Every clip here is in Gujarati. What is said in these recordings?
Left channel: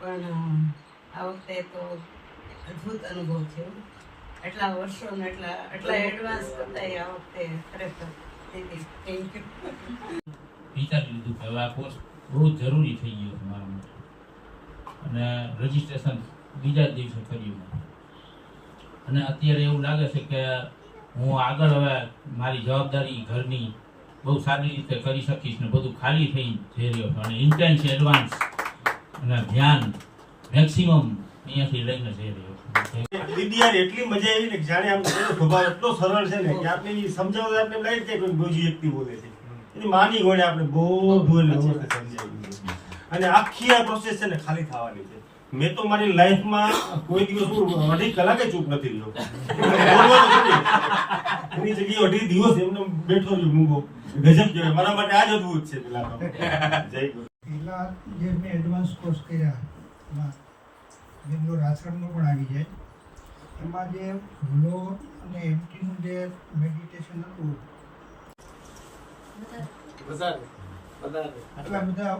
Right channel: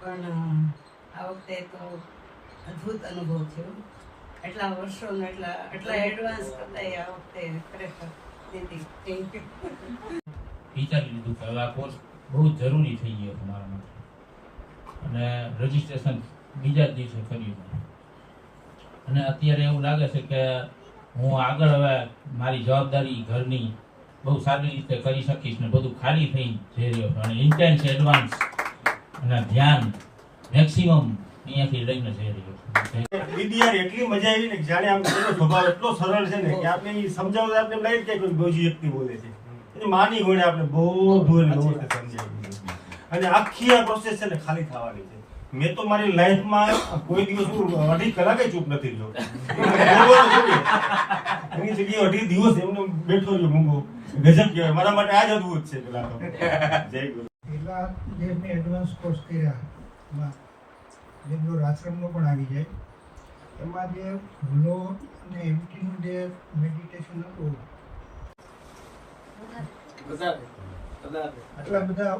પણ આ વખતે તો અદ્ભુત અનુભવ થયો. એટલા વર્ષોનો એટલા એડવાન્સ કરતા આ વખતે ખરેખર દીદી થેન્ક યુ. વિચારી લીધું કે હવે આ કોર્સ બહુ જરૂરી થઈ ગયો છે મારા માટે, અને રજીસ્ટ્રેશન બીજા જ દિવસે કર્યું. અને અત્યારે એવું લાગે છે કે હું આગળ હવે મારી જવાબદારી ઘરની બહુ સારી રીતે કરી શકીશ ને બધું ખાલી થઈ જઈ રહ્યો છે. અને ઇન્ટેન્સ એડવાન્સ અને ધ્યાન મેક્સિમમ અહીંયાથી લઈને જઈ રહ્યો છું. દીદી યાર એટલી મજા આવી ને જાણે આમ એનો સ્વભાવ એટલો સરળ છે ને કે આપણે સમજાવતા આપણે લાગે કે કોઈ બીજી વ્યક્તિ બોલે છે. એની માની ગોળે આપણે બધું એને સમજાવી દીધું. અને આખી આ પ્રોસેસ છે ને ખાલી થવાની છે. મેં તો મારી લાઈફમાં કોઈ દિવસ હું 2.5 કલાકે ચૂપ નથી રહ્યો. એની જગ્યાએ 2.5 દિવસ એમનો બેઠો રહ્યો મૂંગો. ગજબ કહેવાય. મારા માટે આ જ અદભુત છે. પેલા તો જય ગુરુ. પેલા જે મેં એડવાન્સ કોર્સ કર્યા એમાં બેંગ્લોર આશ્રમનો પણ આવી જાય. એમાં જે ભૂલો અને એમટીનું જે મેડિટેશન હતું આટલા બધા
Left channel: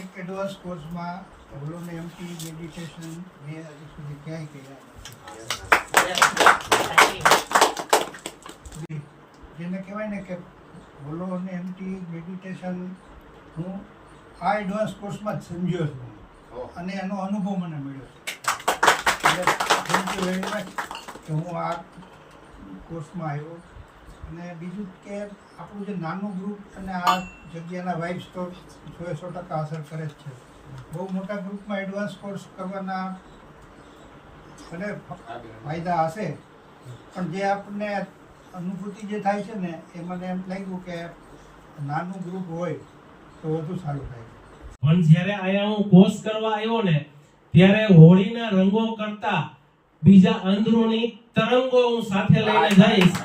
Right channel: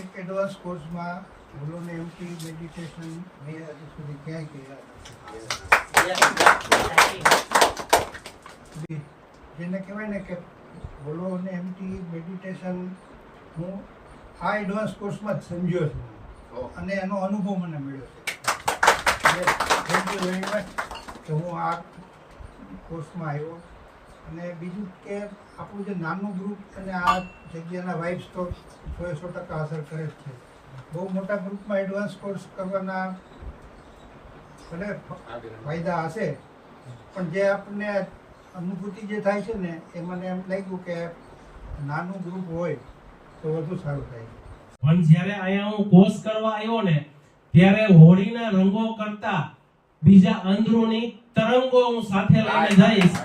એક એડવાન્સ કોર્સમાં ભૂલો ને એમટી મેડિટેશન મેં હજુ સુધી ક્યાંય કર્યા નથી. જેને કહેવાય ને કે ભૂલો અને એમટી મેડિટેશન હું આ એડવાન્સ કોર્સમાં જ સમજ્યો છું અને એનો અનુભવ મને મળ્યો છે. થેન્ક યુ વેરી મચ કે હું આ કોર્સમાં આવ્યો. અને બીજું કે આપણું જે નાનું ગ્રુપ અને આ જગ્યાના વાઇબ્સ તો 100% અસર કરે જ છે. બહુ મોટા ગ્રુપમાં એડવાન્સ કોર્સ કરવાના ભલે ફાયદા હશે, પણ જે આપણને અનુભૂતિ જે થાય છે ને એ મને એમ લાગ્યું કે નાનું ગ્રુપ હોય તો વધુ સારું થાય. પણ જ્યારે અહીંયા હું કોર્સ કરવા આવ્યો ને ત્યારે હોળીના રંગો કરતા બીજા અંદરૂની તરંગો હું સાથે લઈને જઈશ.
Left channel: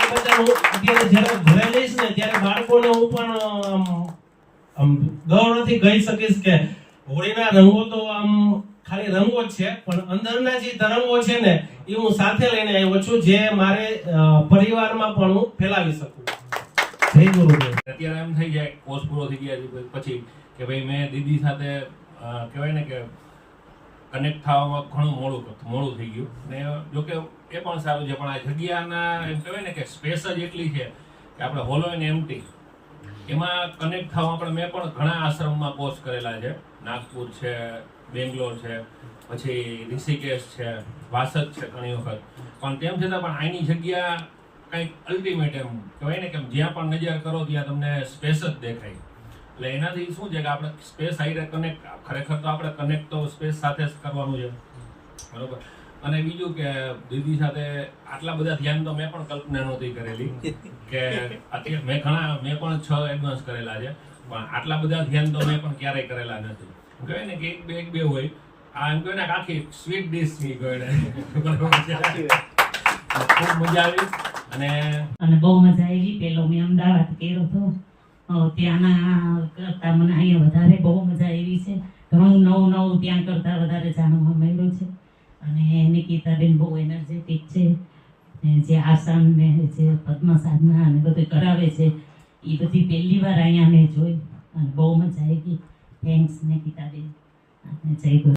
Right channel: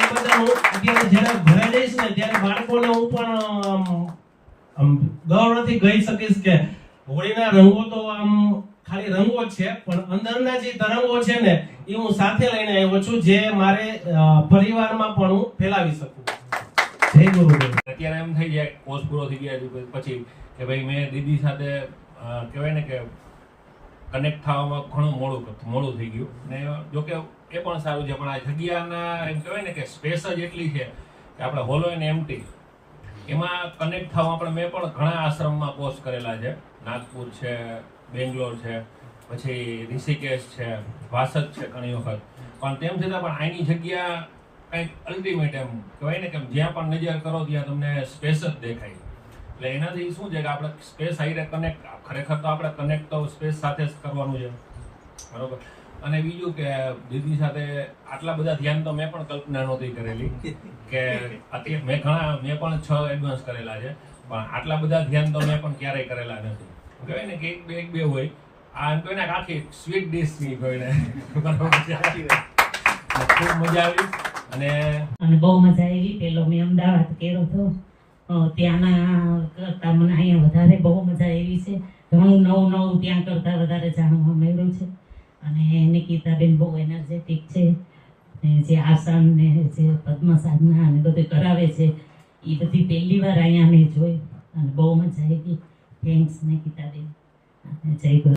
એ બધા હું અત્યારે જ્યારે ઘરે જઈશ ને ત્યારે બાળકોને હું પણ ગૌરવથી કહી શકીશ કે હોળીના રંગો તો આમ ખાલી રંગો જ છે, પણ અંદરના જે તરંગો છે ને એ હું સાથે લઈને આવ્યો છું, જે મારે પરિવારમાં પણ હું ફેલાવી શકું. જય ગુરુદેવ. અત્યારે એમ થઈ જાય કોર્સ પૂરો થઈ ગયા પછી કે ભાઈ મેં દીદી સાથે કહેવાય ને કે કનેક્ટ થવામાં ઘણું મોડું થઈ ગયું. ને જોકે એ પણ સારું છે, પણ આ જગ્યાના એમ કહેવાય ને કે સ્પેસ જ એટલી છે કે આપણે હોલો અને એમ્પ્ટી એમાં કનેક્ટ થવા આપણે મેં પણ ઘણા આશ્રમમાં કોર્સ કરેલા છે. નાગપુર છે, બેંગ્લોર છે, પછી ઋષિકેશ છે, વાસદ છે ઘણી વખત. પણ તેમ છતાં પણ આની જગ્યા કંઈક અલ્ટિમેટ એમ કહેવાય ને કે જ્યાં પણ નજર કરો ત્યાં તમને સ્પેસ જ દેખાય. એટલે એનાથી શું છે કે આપણે સ્પેસ આવીને કનેક્ટ ખરેખર તો આપણે કનેક્ટ તો સ્પેસ સાથે જ કરવાનું છે, બરોબર. અને બીજું કે દીદી સાથે આટલા બધા ધ્યાન તો મેં પણ કલ્પના નહોતી કરેલી કે અત્યારે મેં પણ 6 એડવાન્સ કરેલા છે, પણ આટલા બધા ધ્યાન તો મેં પણ ક્યારેય કરેલા નથી. કહેવાય ને કે એક બે હોય આ એમ કહે ને આખી સ્વીટ ડીશ ની કહે બરાબર. ખૂબ મજા આવી અને બહુ મજા આવી. પેલો મેં અમદાવાદ કર્યો હતો ત્યાંના કરતા મને અહીંયા વધારે બહુ મજા આવી છે. ઘણું નવું ત્યાં કરતા વધારે જાણવા મળ્યું છે. અને નિકિતાબેન બહુ એનર્જેટિક છે. જે આસન ને જે પદ્મ સાધના અને બધું કરાવે છે એ બધી પહેલી વાર અહીંયા મેં જોઈ અને બહુ મજા આવી. થેન્ક્સ નિકિતાબેન. જય ગુરુ.